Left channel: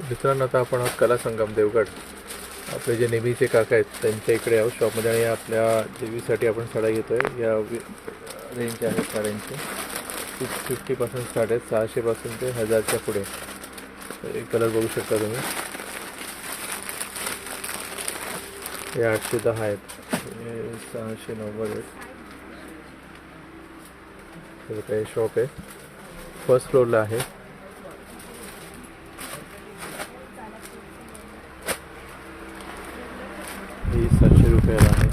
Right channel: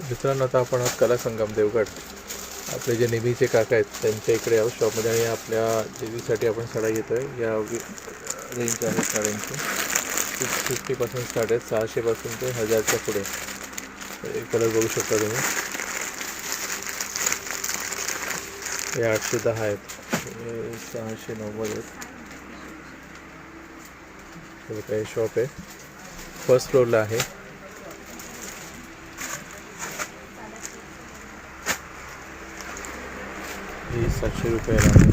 मित्रांनो आता आपण आहोत कला संगम देवगड. आपले जे नेहमीचे काका आहेत त्यांच्या इकडे आहोत शॉपमध्ये आणि आपल्या देवीसाठी आपण साड्या घेतो आहे या रेंज आहेत साड्यांची. सिक्स फिफ्टीपासून स्टार्ट आहेत सहाशेपासून ते हजारच्या पुढे. एक कलर बघू शकता तुम्ही. हे आठशे दहा आहेत. सहाशे नव्वद आहेत. हे शॉप आहे. फर्स्ट फ्लोअरला आहे. ही सातशे रुपयाला आहे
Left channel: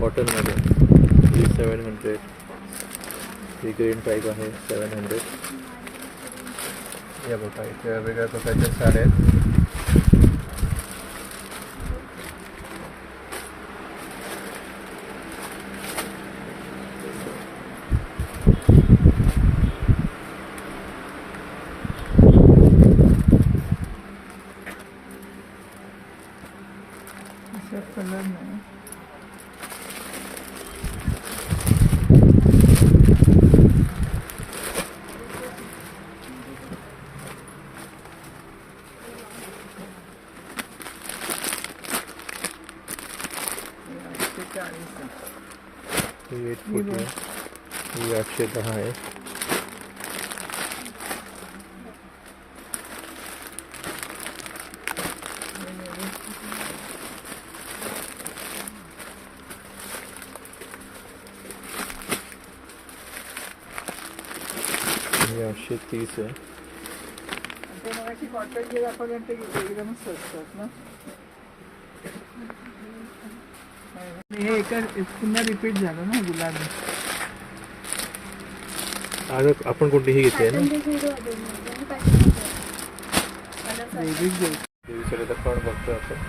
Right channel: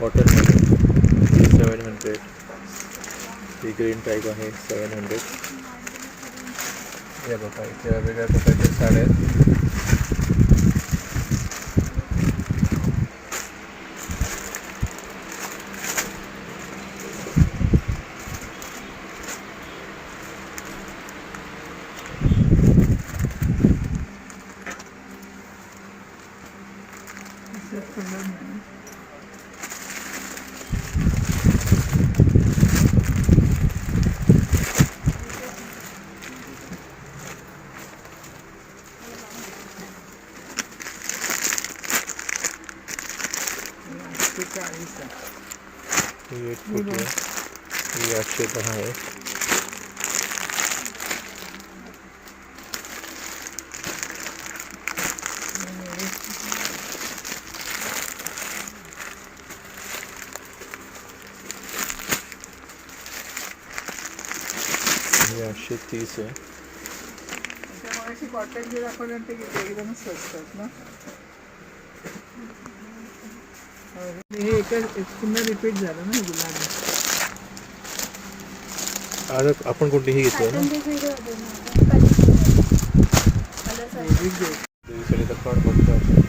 कॉटनमध्ये ही सेवन हंड्रेड ही ग्रीन टाईप आहे सेवन हंड्रेड या बघा इथे वेगळ्या प्रकारच्या साड्या आहेत. ही एट फोर्टी आहे ही आठशे दहा आहे ही आठशे तीस आहे. कॉटन जे दाखवले ते एकदमच स्वस्तात ना? हे एक पुन्हा रिपीट झालं ना गुलाबी आज आपण कोणती ही घेते ना? देवीसाठी तर पण बघतो आपण.